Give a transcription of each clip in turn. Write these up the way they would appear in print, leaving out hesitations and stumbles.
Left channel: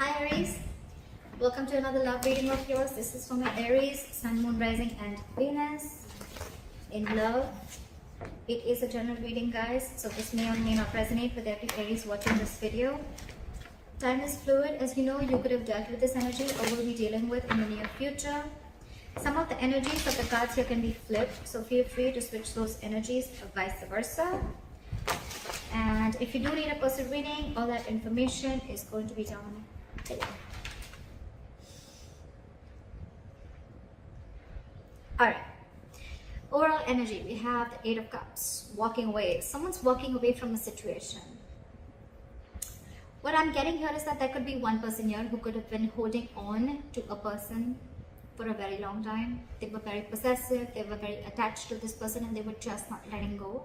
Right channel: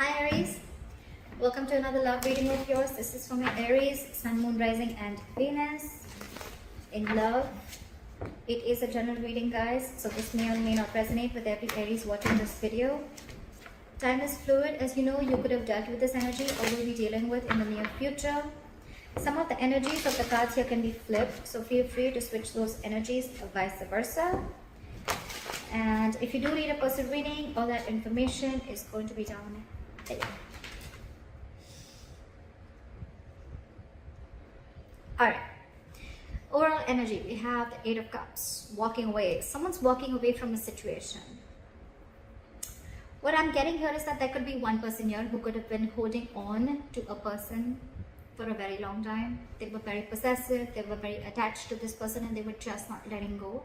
Hi Aries, welcome to another love reading of yours. This is for my Aries, Sun, Moon, Rising and Venus in love. It is a general reading, guys, so this may or may not resonate with every Aries watching this video. Time is fluid, as you know. You could have dealt with this energy or will be dealing with in the near future. Some of the energies of the cards here can be flipped, so feel free to switch those energies or vice versa. And if you do need a personal reading, all that information is going to be down below. Alright, overall energy, we have the Eight of Cups, walking away. Someone's walking away from a situation. What I'm getting here is that there could be one person here who could have been holding on to a person for a very long time. They were very possessive, they were very attached to this person, and they were just not letting go.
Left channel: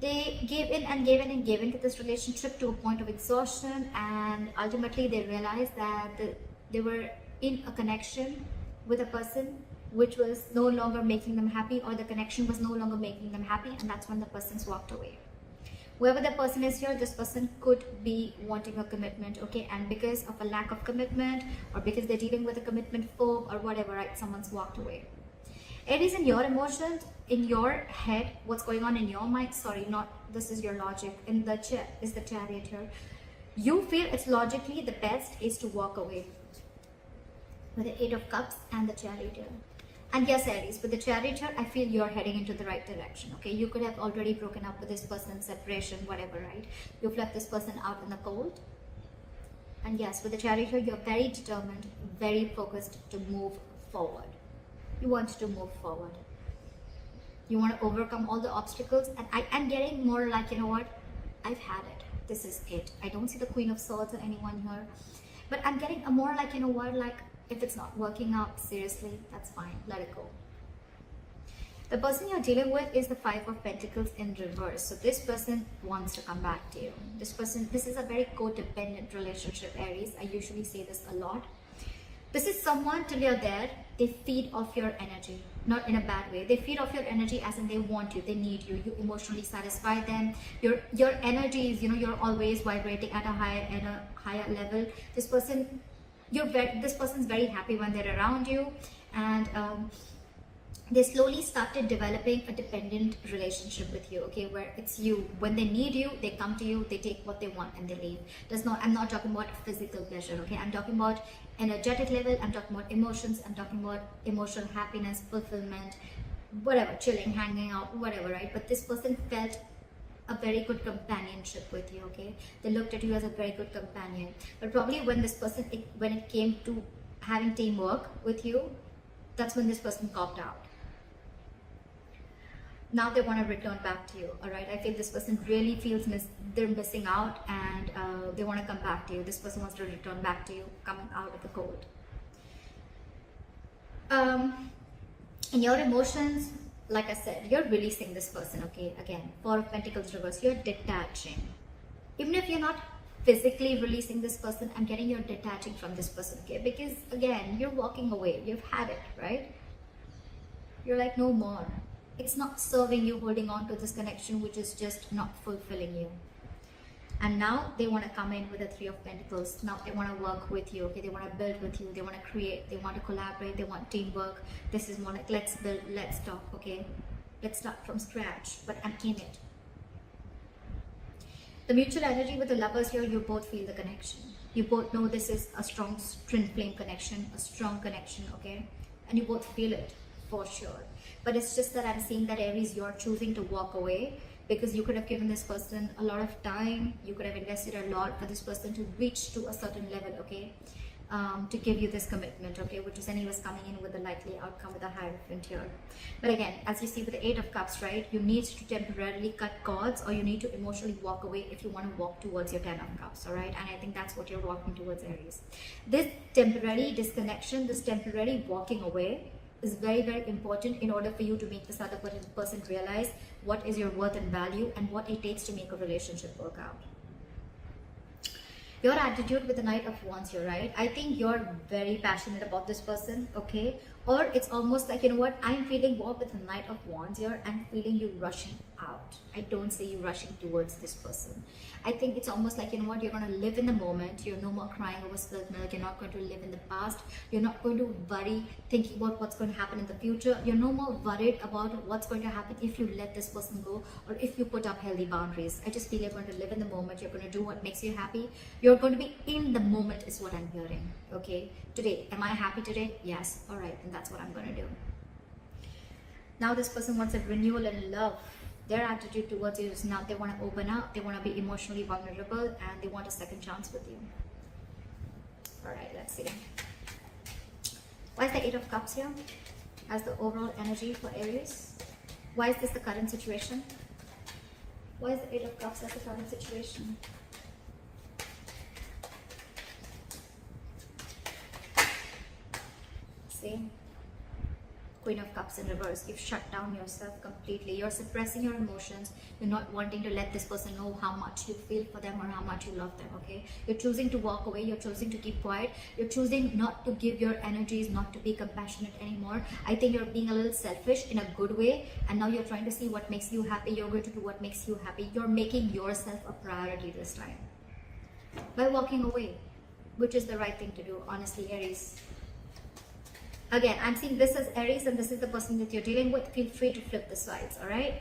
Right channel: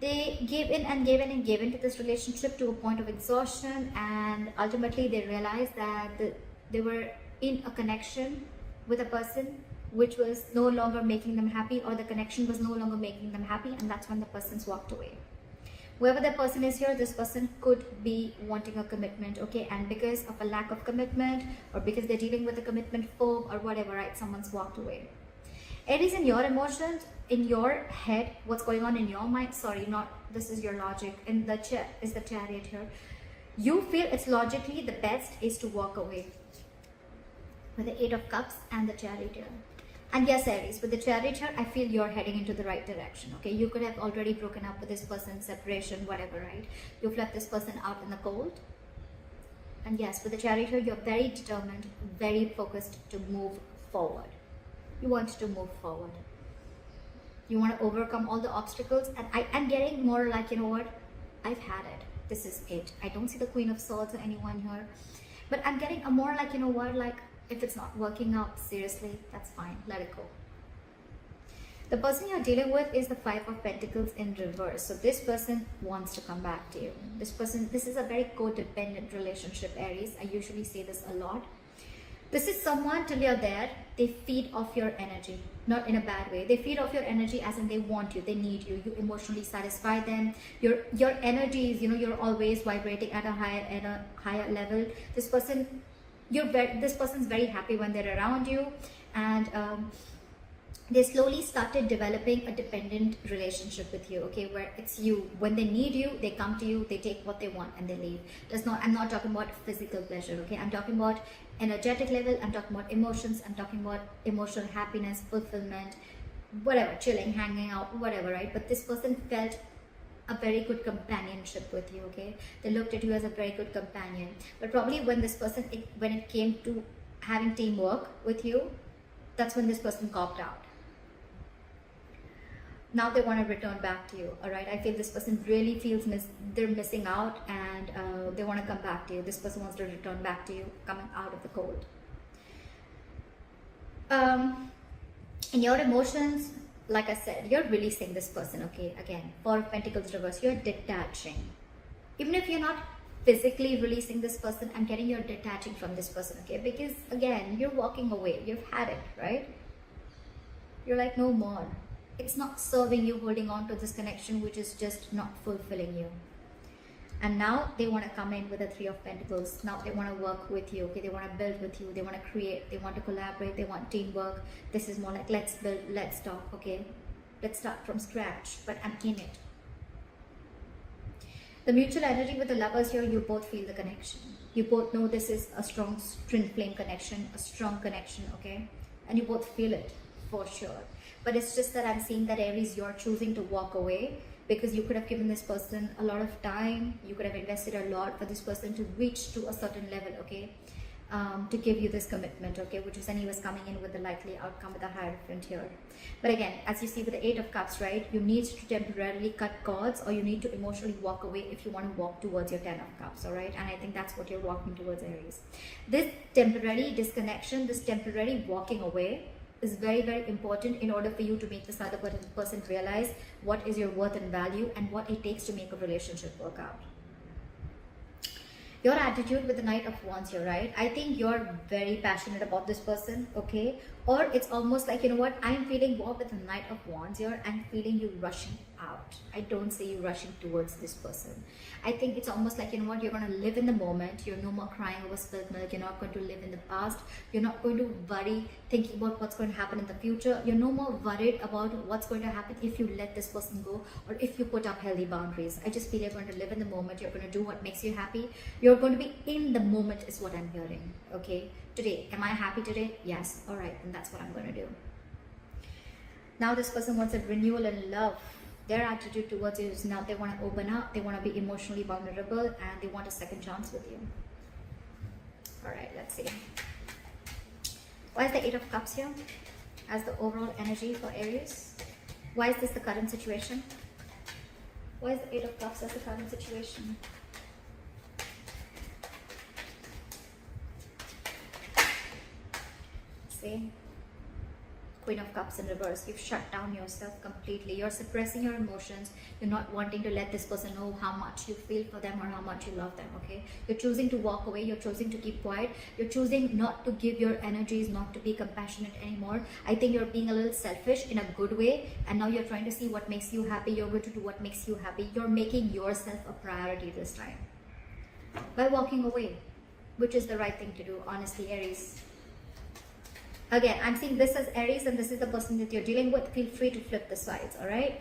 They gave in and gave in and gave into this relationship to a point of exhaustion, and ultimately they realized that they were in a connection with a person which was no longer making them happy, or the connection was no longer making them happy, and that's when the person's walked away. Whoever the person is here, this person could be wanting a commitment, okay, and because of a lack of commitment, or because they're dealing with a commitment phobe or whatever, right, someone's walked away. Aries, in your emotions, in your head, what's going on in your mind, sorry, not this is your logic, and the Chariot here. You feel it's logically the best is to walk away with the Eight of Cups and the Chariot here. And yes, Aries, with the Chariot here, I feel you're heading into the right direction, okay? You could have already broken up with this person, separation, whatever, right? You've left this person out in the cold. And yes, with the Chariot here, you're very determined, very focused to move forward. You want to move forward. You want to overcome all the obstacles, and I'm getting more like, you know what, I've had it. This is it. I don't see the Queen of Swords or anyone here, but I'm getting a more like, you know what, like if it's not working out, seriously, that's fine. Let it go. The person you're dealing with is the Five of Pentacles in reverse. So this person wants to come back to you. This is a very codependent relationship, Aries. I usually say this a lot. This is someone, till you're there, they feed off your energy, not in a bad way. They feed off your energy as in they want you, they need you, you emotionally satisfy them. Your energy is, you know, you're always vibrating at a higher level. This person's very happy when they're around you, and they slowly started developing a dependent relationship with you, okay, where it's you. When they need you, they come to you, they take what they want and they leave. I'm not talking about physical pleasure, okay? I'm talking about energetic level, I'm talking about emotions, I'm talking about emotional happiness, fulfillment, whatever, chilling, hanging out, whatever, right? But this person felt a very good companionship with you, okay? They looked at you as a very good companion. But probably when this person, when it came to having teamwork with you, that's when this person copped out. Now they want to return back to you, all right? I feel this person really feels they're missing out, and they want to come back to you. This person wants to return back to you, coming out of the cold. In your emotions, like I said, you're releasing this person, okay? Again, Four of Pentacles reverse, you're detaching. Even if you're not physically releasing this person, I'm getting you're detaching from this person, okay? Because again, you're walking away, you've had it, right? You're like, no more. It's not serving you, holding on to this connection which is just not fulfilling you. And now they want to come in with the Three of Pentacles. Now they want to work with you, okay? They want to build with you, they want to create, they want to collaborate, they want teamwork. This is more like, let's build, let's talk, okay? Let's start from scratch, but I'm in it. The mutual energy with the lovers here, you both feel the connection. You both know this is a strong twin flame connection, a strong connection, okay? And you both feel it for sure. But it's just that I'm seeing that, Aries, you're choosing to walk away because you could have given this person a lot of time. You could have invested a lot for this person to reach to a certain level, okay? To give you this commitment, okay? Which is anyways coming in with the likely outcome with the Hierophant here. But again, as you see with the Eight of Cups, right? You need to temporarily cut cords, or you need to emotionally walk away if you want to walk towards your Ten of Cups, all right? And I think that's what you're walking towards, Aries. This temporary disconnection, this temporary walking away is very, very important in order for you to make this other person realize what is your worth and value and what it takes to make a relationship work out. Your attitude with the Knight of Wands here, right? I think you're very passionate about this person, okay? Or it's almost like, you know what, I'm feeling more with the Knight of Wands here. I'm feeling you rushing out. out. I don't see you rushing towards this person. I think it's almost like, you know what, you're going to live in the moment. You're no more crying over spilled milk. You're not going to live in the past. You're not going to worry thinking about what's going to happen in the future. You're no more worried about what's going to happen if you let this person go, or if you put up healthy boundaries. I just feel you're going to live in the moment. You're going to do what makes you happy. You're going to be in the moment is what I'm hearing. Okay, today, am I happy today? Yes. All right, and that's what I'm going to do. Now this person wants a renewal in love. Their attitude towards you is now they want to open up, they want to be emotionally vulnerable, and they want a second chance with you. Alright, let's see. Why is the Eight of Cups here as the overall energy for Aries? Why is this the current situation? Why is the Eight of Cups as the current situation? See? Queen of Cups in reverse. You've shut down yourself completely. You're suppressing your emotions. You're not wanting to let this person know how much you feel for them or how much you love them, okay? You're choosing to walk away. You're choosing to keep quiet. You're choosing not to give your energies, not to be compassionate anymore. I think you're being a little selfish in a good way, and now you're trying to see what makes you happy. You're going to do what makes you happy. You're making yourself a priority this time by walking away, which is the right thing to do, honestly, Aries. Again, I'm seeing this as Aries and this is the person that you're dealing with. Feel free to flip the sides, alright?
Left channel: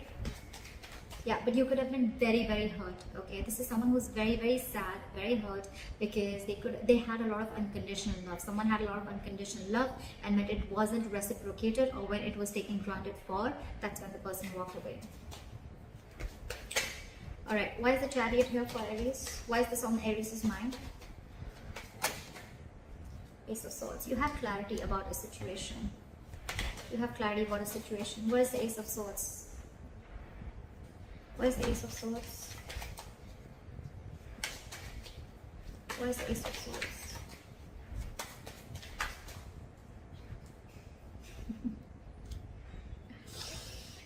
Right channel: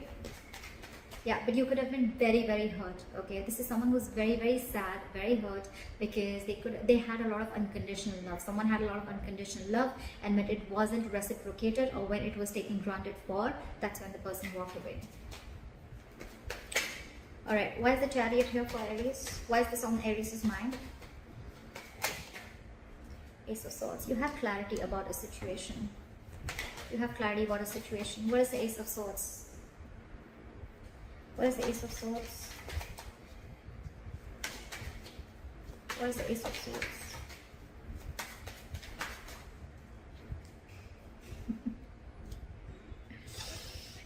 Yeah, but you could have been very, very hurt, okay? This is someone who's very, very sad, very hurt, because they had a lot of unconditional love. Someone had a lot of unconditional love, and when it wasn't reciprocated or when it was taken granted for, that's when the person walked away. Alright, why is the Chariot here for Aries? Why is this on Aries' mind? Ace of Swords. You have clarity about a situation. You have clarity about a situation. Where is the Ace of Swords? Where is the Ace of Swords? Where is the Ace of Swords?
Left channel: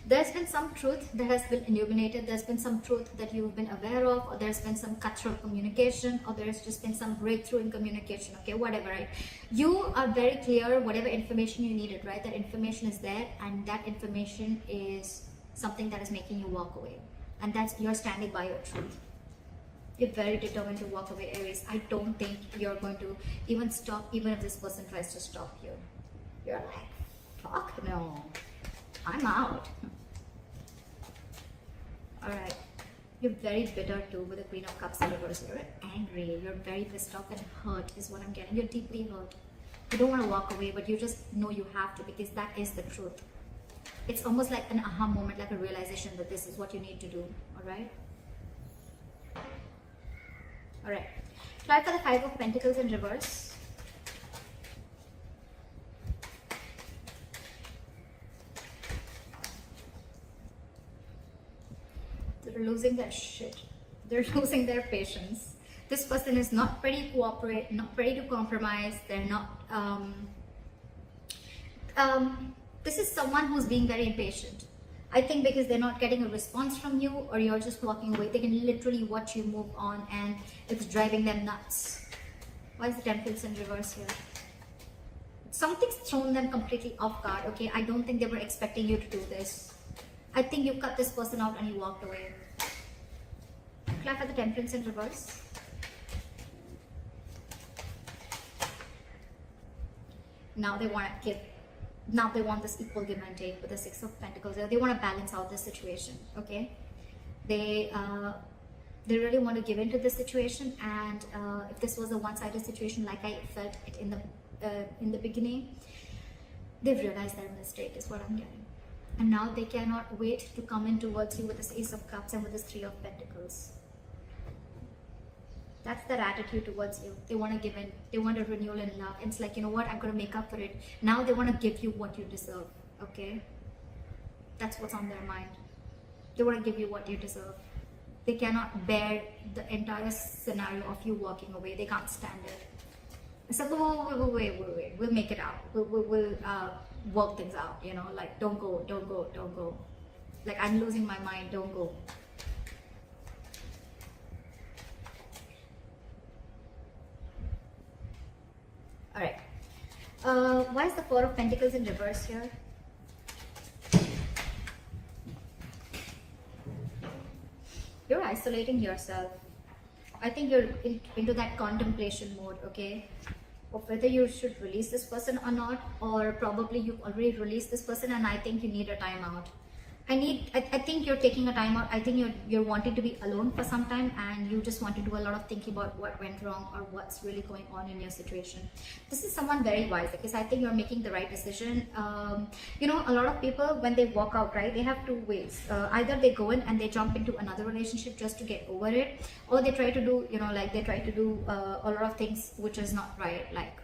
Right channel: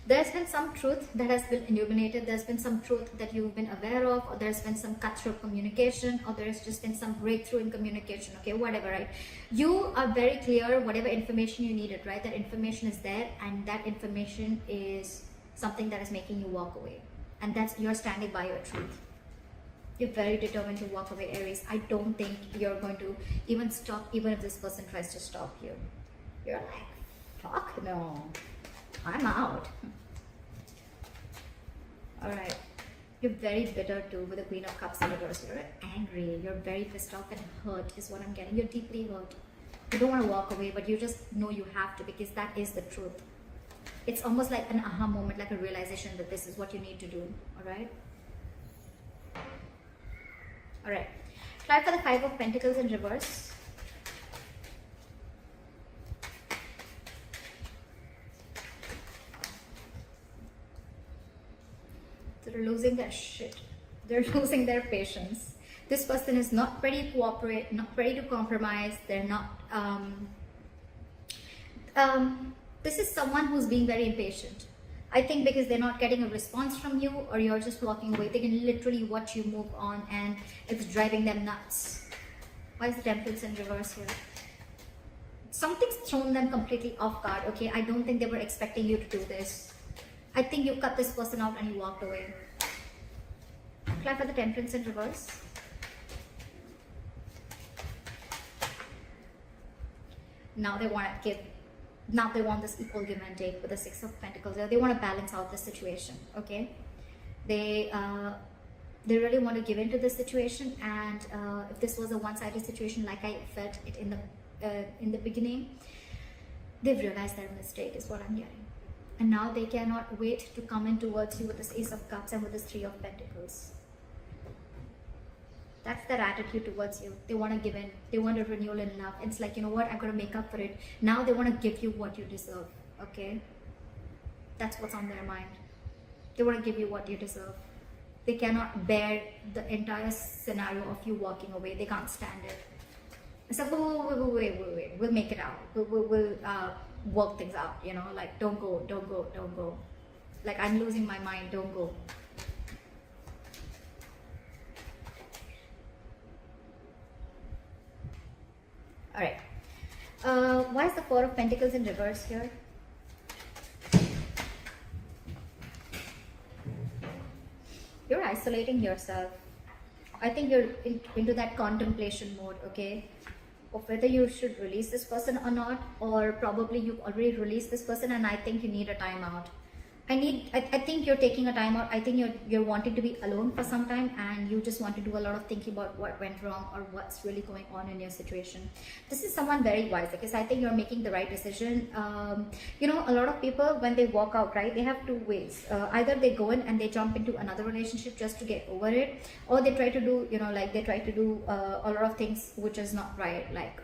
There's been some truth that has been illuminated. There's been some truth that you've been aware of, or there's been some cutthroat communication, or there's just been some breakthrough in communication, okay, whatever, right? You are very clear, whatever information you needed, right? That information is there, and that information is something that is making you walk away. And that's, you're standing by your truth. You're very determined to walk away, Aries. I don't think you're going to even stop, even if this person tries to stop you. You're like, fuck no, I'm out. Alright, you're very bitter too with the Queen of Cups in reverse. You're angry, you're very pissed off and hurt is what I'm getting. You're deeply hurt. You don't want to walk away, but you just know you have to, because that is the truth. It's almost like an aha moment, like a realization that this is what you need to do. Alright? Alright. Try for the Five of Pentacles in reverse. They're losing their shit. They're losing their patience. This person is not ready to cooperate, not ready to compromise. They're not. This is someone who's being very impatient. I think because they're not getting a response from you, or you're just walking away. They can literally watch you move on, and it's driving them nuts. Why is the Temperance in reverse here? Something's thrown them completely off guard. Okay, I don't think they were expecting you to do this. I think you cut this person out and you walked away. Apply for the Temperance in reverse. Now they want to give. Now they want this equal give and take with the Six of Pentacles. They want to balance out this situation. Okay, they really want to give into this situation. And if this was a one-sided situation, like I felt it in the beginning, they've realized their mistake is what I'm getting. And now they cannot wait to come in towards you with this Ace of Cups and with this Three of Pentacles. That's their attitude towards you. They want to give in. They want a renewal in love. It's like, you know what, I'm going to make up for it. Now they want to give you what you deserve. Okay? That's what's on their mind. They want to give you what you deserve. They cannot bear the entire scenario of you walking away. They can't stand it. It's like, wait. We'll make it out. We'll work things out, you know, like don't go. Like, I'm losing my mind, don't go. Alright. Why is the Four of Pentacles in reverse here? isolating yourself. I think you're into that contemplation mode, okay, of whether you should release this person or not, or probably you've already released this person and I think you need a timeout. I think you're taking a time out. I think you're wanting to be alone for some time, and you just want to do a lot of thinking about what went wrong or what's really going on in your situation. This is someone very wise, because I think you're making the right decision. You know, a lot of people, when they walk out, right, they have two ways. Either they go in and they jump into another relationship just to get over it, or they try to do, you know, like they try to do a lot of things which is not right, like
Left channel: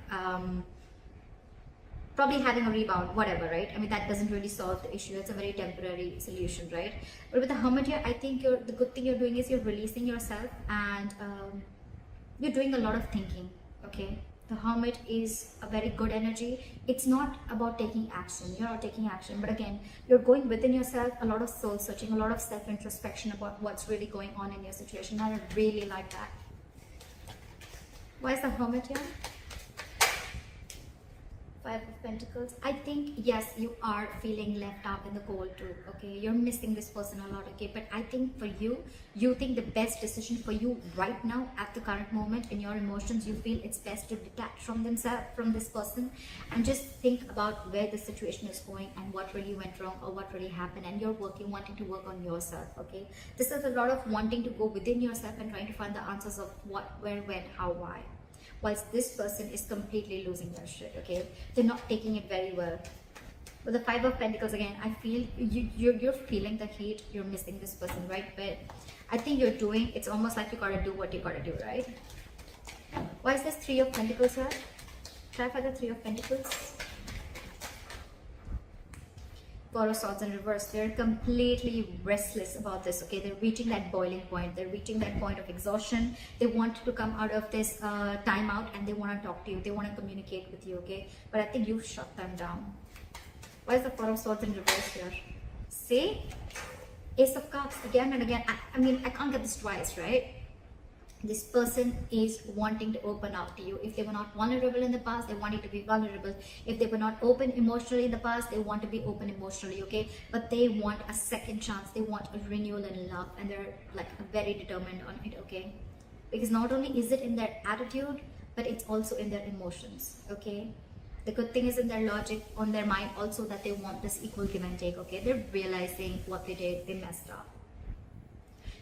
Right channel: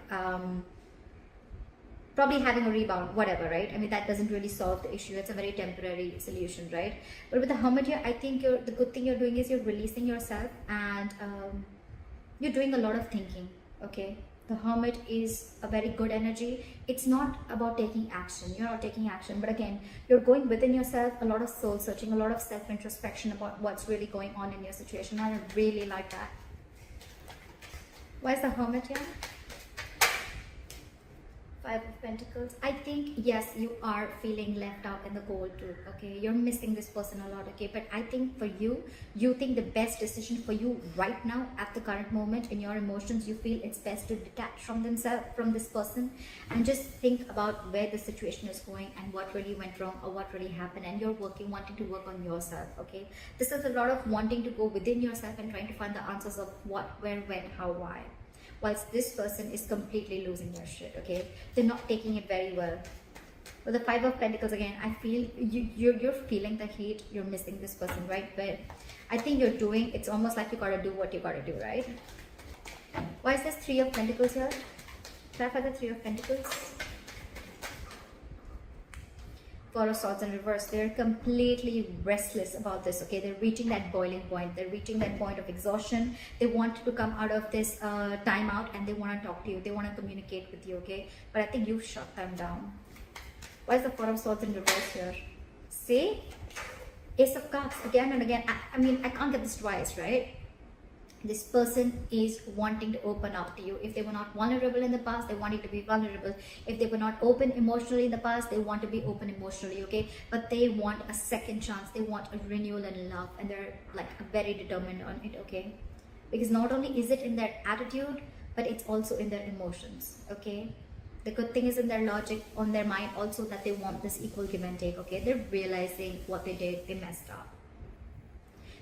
probably having a rebound, whatever, right? I mean, that doesn't really solve the issue. It's a very temporary solution, right? But with the Hermit here, I think the good thing you're doing is you're releasing yourself, and you're doing a lot of thinking, okay? The Hermit is a very good energy. It's not about taking action. You're not taking action, but again, you're going within yourself, a lot of soul searching, a lot of self-introspection about what's really going on in your situation. I really like that. Why is the Hermit here? Five of Pentacles. I think, yes, you are feeling left out in the cold too, okay? You're missing this person a lot, okay? But I think for you, you think the best decision for you right now, at the current moment, in your emotions, you feel it's best to detach from this person, and just think about where the situation is going and what really went wrong or what really happened, and you're wanting to work on yourself, okay? This is a lot of wanting to go within yourself and trying to find the answers of what, where, when, how, why. Whilst this person is completely losing their shit, okay? They're not taking it very well. With the Five of Pentacles, again, I feel you're feeling the heat. You're missing this person, right? But I think you're doing, it's almost like you gotta do what you gotta do, right? Why is this Three of Pentacles here? Clarify the Three of Pentacles. Four of Swords in reverse. They're completely restless about this, okay? They're reaching that boiling point. They're reaching that point of exhaustion. They want to come out of this timeout, and they want to talk to you. They want to communicate with you, okay? But I think you've shut them down. Why is the Four of Swords in reverse here? See? Ace of Cups again and again. I mean, I can't get this twice, right? This person is wanting to open up to you. If they were not vulnerable in the past, they wanted to be vulnerable. If they were not open emotionally in the past, they want to be open emotionally, okay? But they want a second chance. They want a renewal and love, and they're like very determined on it, okay? Because not only is it in their attitude, but it's also in their emotions, okay? The good thing is in their logic, on their mind also, that they want this equal give and take, okay? They're realizing what they did, they messed up.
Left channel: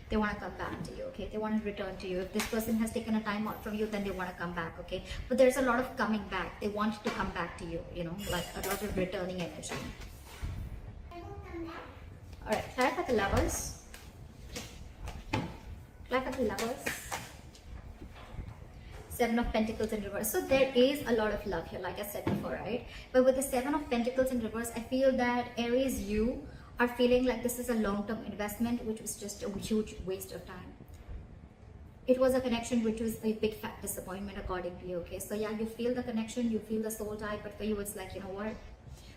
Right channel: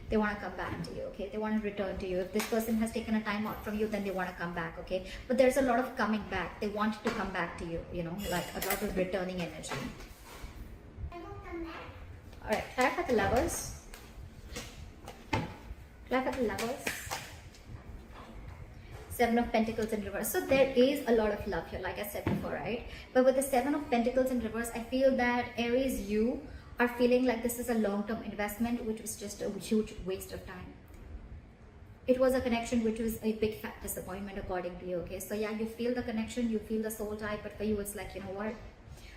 They want to come back to you, okay? They want to return to you. If this person has taken a time out from you, then they want to come back, okay? But there's a lot of coming back. They want to come back to you, you know, like a lot of returning energy. Alright, clap at the Lovers. Clap at the Lovers. Seven of Pentacles in reverse. So there is a lot of love here, like I said before, right? But with the Seven of Pentacles in reverse, I feel that Aries, you are feeling like this is a long-term investment, which was just a huge waste of time. It was a connection which was a big fat disappointment according to you, okay? So yeah, you feel the connection, you feel the soul tie, but for you it's like, you know what?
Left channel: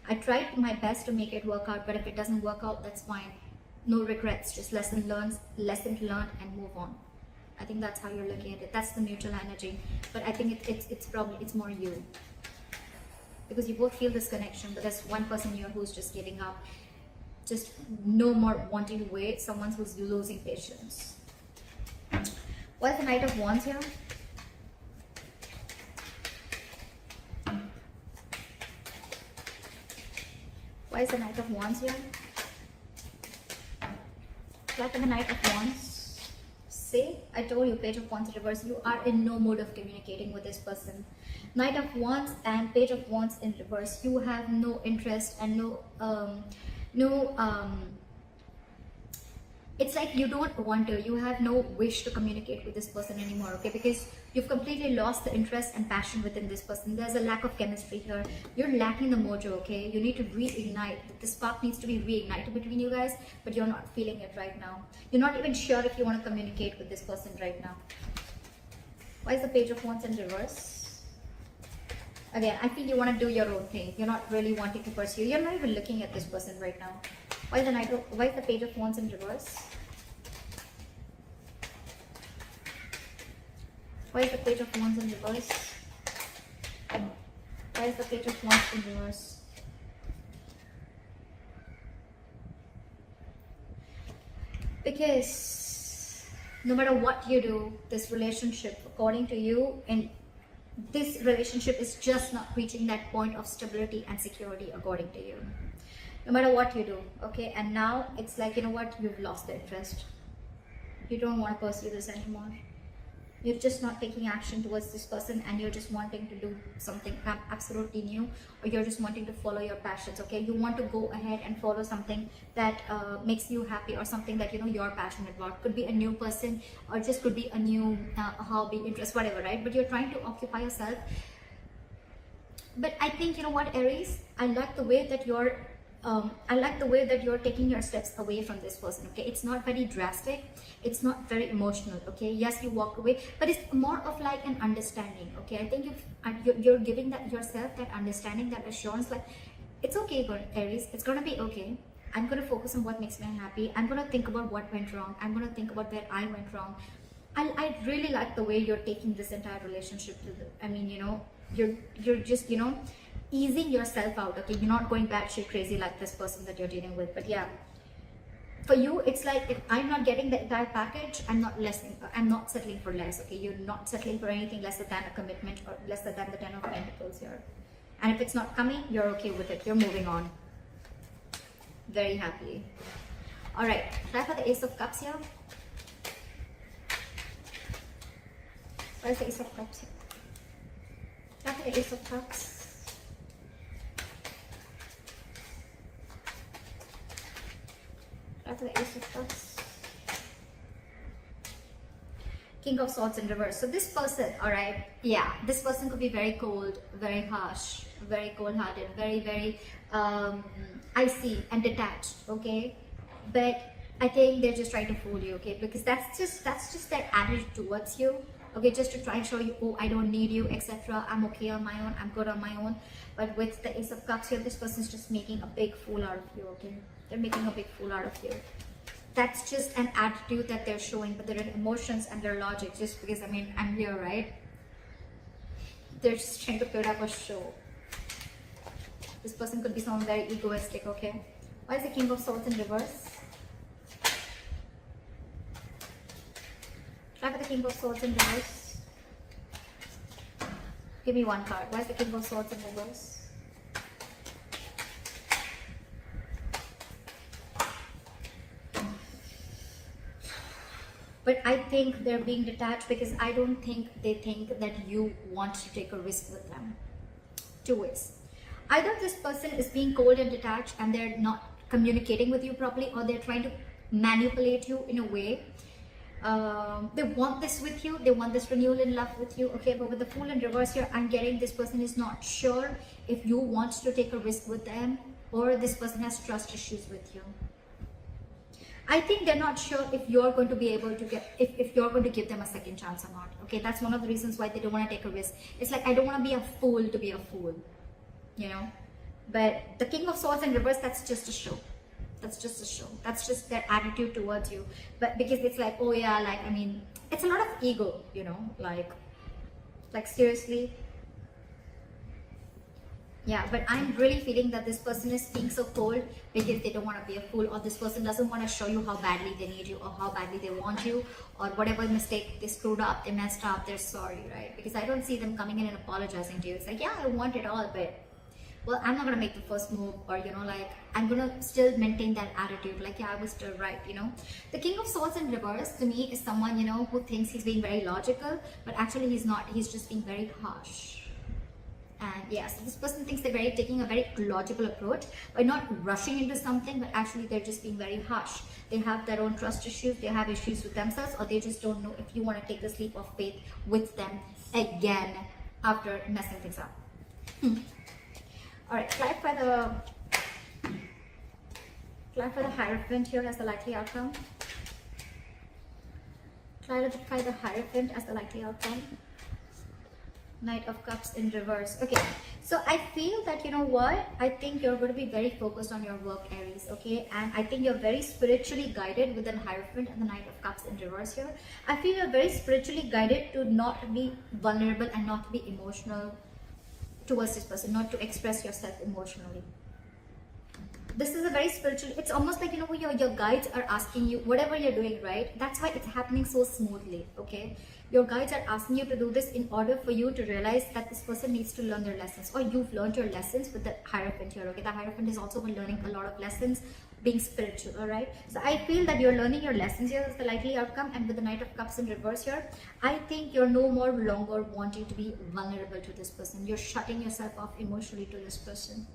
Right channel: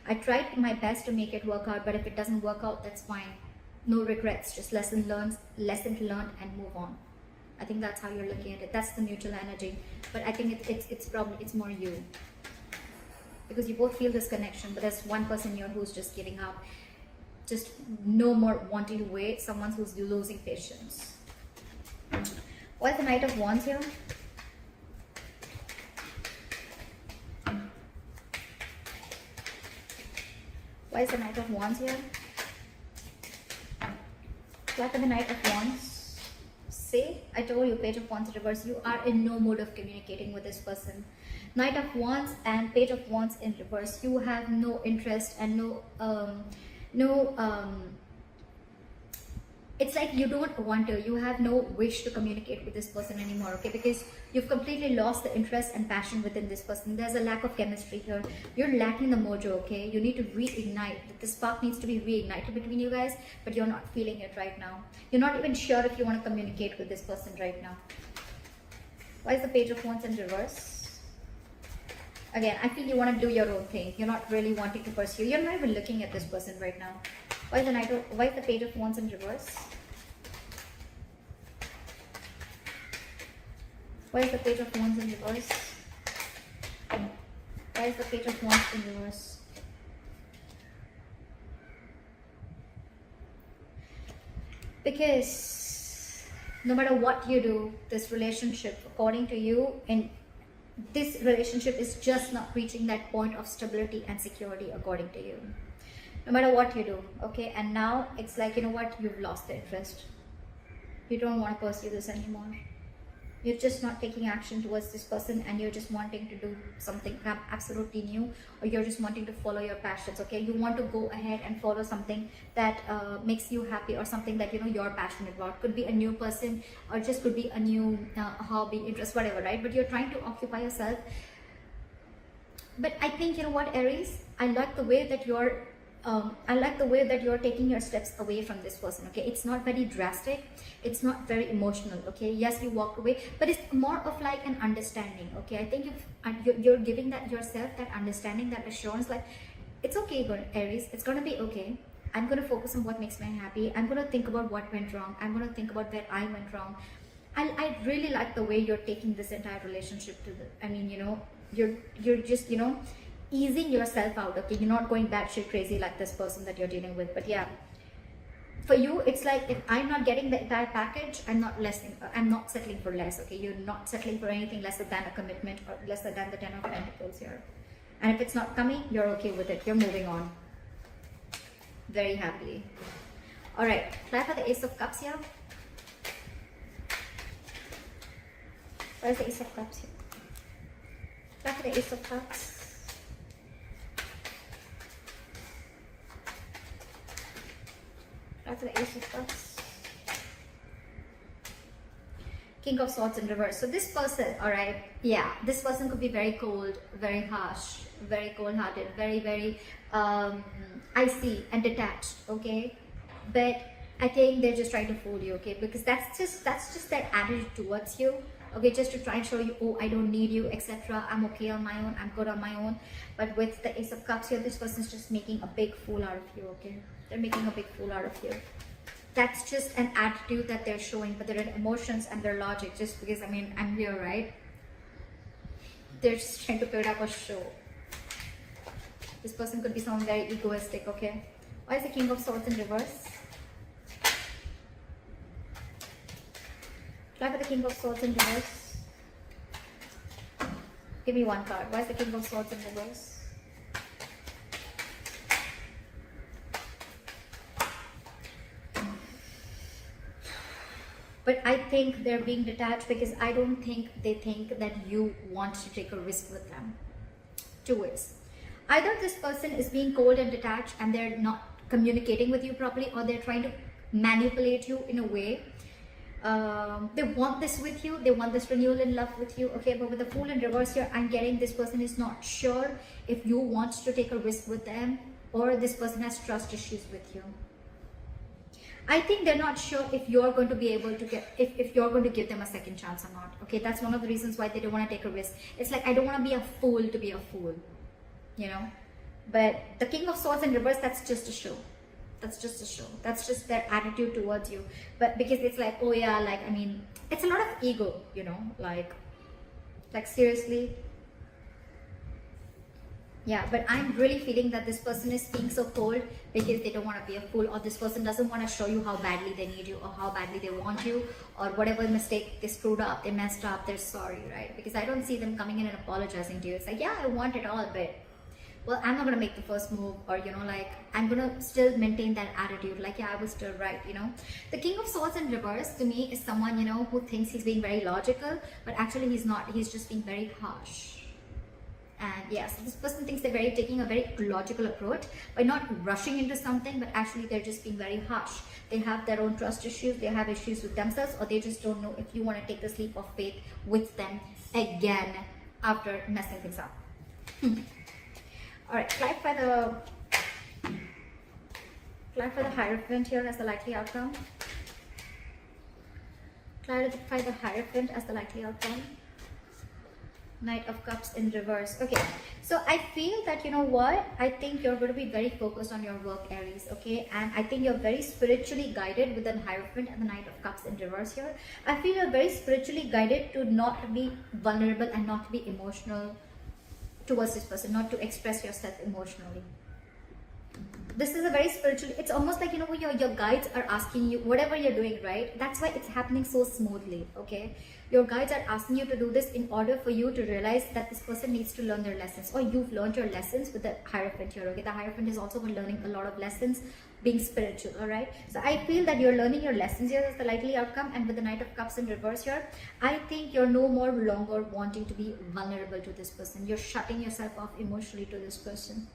I tried my best to make it work out, but if it doesn't work out, that's fine. No regrets, just lesson learned and move on. I think that's how you're looking at it. That's the mutual energy. But I think it's more you. Because you both feel this connection, but there's one person here who's just giving up. Just no more wanting to wait. Someone who's losing patience. What's the Knight of Wands here? Why is the Knight of Wands here? Like the Knight of Wands. See, I told you, Page of Wands in reverse. You are in no mode of communicating with this person. Knight of Wands and Page of Wands in reverse. You have no interest and it's like you don't want to, you have no wish to communicate with this person anymore, okay? Because you've completely lost the interest and passion within this person. There's a lack of chemistry here. You're lacking the mojo, okay? You need to reignite. The spark needs to be reignited between you guys, but you're not feeling it right now. You're not even sure if you want to communicate with this person right now. Why is the Page of Wands in reverse? Again, I feel you want to do your own thing. You're not really wanting to pursue. You're not even looking at this person right now. Why is the Page of Wands in reverse? Why is the Page of Wands in reverse? Why is the Page of Wands in reverse? Because no matter what you do, this relationship, according to you, and this relationship is just not reaching that point of stability and security according to you. No matter what you do, okay? And now it's like, you know what? You've lost the interest. You don't want to pursue this anymore. You're just not taking action towards this person, and you're just wanting to do something absolutely new, or you're just wanting to follow your passions, okay? You want to go ahead and follow something that makes you happy, or something that, you know, you're passionate about. Could be a new person, or just could be a new hobby, interest, whatever, right? But you're trying to occupy yourself. But I think, you know what, Aries, I like the way that you're taking your steps away from this person, okay? It's not very drastic, it's not very emotional, okay? Yes, you walk away, but it's more of like an understanding, okay? I think you're giving that yourself that understanding, that assurance, like, it's okay, Aries, it's gonna be okay. I'm gonna focus on what makes me happy. I'm gonna think about what went wrong. I'm gonna think about where I went wrong. I really like the way you're taking this entire relationship to the, I mean, you know, you're just, you know, easing yourself out, okay? You're not going batshit crazy like this person that you're dealing with. But yeah, for you, it's like, if I'm not getting the entire package, I'm not settling for less, okay? You're not settling for anything lesser than a commitment, or lesser than the 10 of Pentacles here. And if it's not coming, you're okay with it. You're moving on very happily. All right, try for the Ace of Cups here. Where's the Ace of Cups here? Try for the Ace of Cups. That's an Ace of Cups. King of Swords in reverse. So this person, all right, yeah, this person could be very cold, very harsh, very cold-hearted, very icy and detached, okay? But I think they're just trying to fool you, okay? Because that's just their attitude towards you, okay? Just to try and show you, oh, I don't need you, etc. I'm okay on my own. I'm good on my own. But with the Ace of Cups here, this person's just making a big fool out of you, okay? They're making a big fool out of you. That's just an attitude that they're showing, but their emotions and their logic, just because, I mean, I'm here, right? They're just trying to put up a show. This person could be someone very egoistic, okay? Why is the King of Swords in reverse? Try for the King of Swords in reverse. Give me one card. Why is the King of Swords in reverse? But I think they're being detached because I don't think they think that you want to take a risk with them. Two ways. Either this person is being cold and detached and they're not communicating with you properly, or they're trying to manipulate you in a way. They want this with you, they want this renewal in love with you, okay? But with the Fool in reverse here, I'm getting this person is not sure if you want to take a risk with them, or this person has trust issues with you. I think they're not sure if you're going to be able to get, if you're going to give them a second chance or not, okay? That's one of the reasons why they don't want to take a risk. It's like, I don't want to be a fool to be a fool, you know? But the King of Swords in reverse, that's just a show. That's just a show. That's just their attitude towards you. But because it's like, oh yeah, like, I mean, it's a lot of ego, you know, like seriously. Yeah, but I'm really feeling that this person is being so cold because they don't want to be a fool, or this person doesn't want to show you how badly they need you, or how badly they want you, or whatever mistake they screwed up, they messed up, they're sorry, right? Because I don't see them coming in and apologizing to you. It's like, yeah, I want it all, but, well, I'm not going to make the first move, or, you know, like, I'm going to still maintain that attitude, like, yeah, I was still right, you know. The King of Swords in reverse, to me, is someone, you know, who thinks he's being very logical, but actually he's not. He's just being very harsh. And yes, this person thinks they're taking a very logical approach by not rushing into something, but actually they're just being very harsh. They have their own trust issues, they have issues with themselves, or they just don't know if you want to take the leap of faith with them again after messing things up. Alright, try for the Hierophant here as the likely outcome. Clarify the Hierophant as the likely outcome. Knight of Cups in reverse. Okay, so I feel that, you know what, I think you're going to be very focused on your work, Aries, okay? And I think you're very spiritually guided with the Hierophant and the Knight of Cups in reverse here. I feel you're very spiritually guided to not be vulnerable and not to be emotional towards this person, not to express yourself emotionally. this is a very spiritual, it's almost like, you know, your guides are asking you, whatever you're doing, right? That's why it's happening so smoothly, okay? Your guides are asking you to do this in order for you to realize that this person needs to learn their lessons, or you've learned your lessons with the Hierophant here, okay? The Hierophant is also learning a lot of lessons, being spiritual, all right? So I feel that you're learning your lessons here. That's the likely outcome. And with the Knight of Cups in reverse here, I think you're no more longer wanting to be vulnerable to this person. You're shutting yourself off emotionally to this person.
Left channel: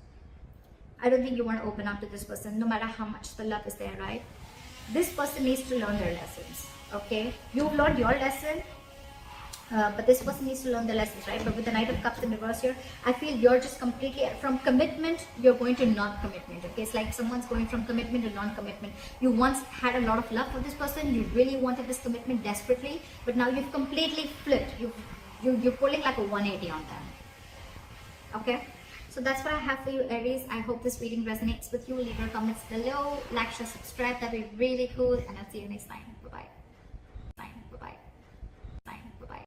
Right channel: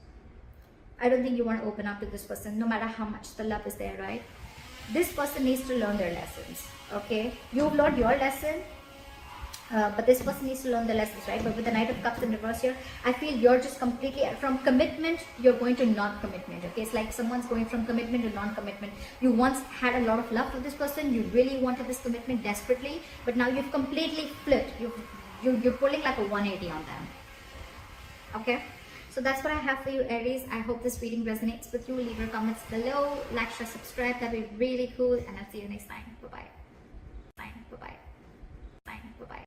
I don't think you want to open up to this person, no matter how much the love is there, right? This person needs to learn their lessons, okay? You've learned your lesson, but this person needs to learn the lessons, right? But with the Knight of Cups in reverse here, I feel you're just completely, from commitment, you're going to non-commitment, okay? It's like someone's going from commitment to non-commitment. You once had a lot of love for this person, you really wanted this commitment desperately, but now you've completely flipped. You're pulling like a 180 on them, okay? So that's what I have for you, Aries. I hope this reading resonates with you. Leave your comments below, like, share, subscribe. That'd be really cool. And I'll see you next time. Bye-bye.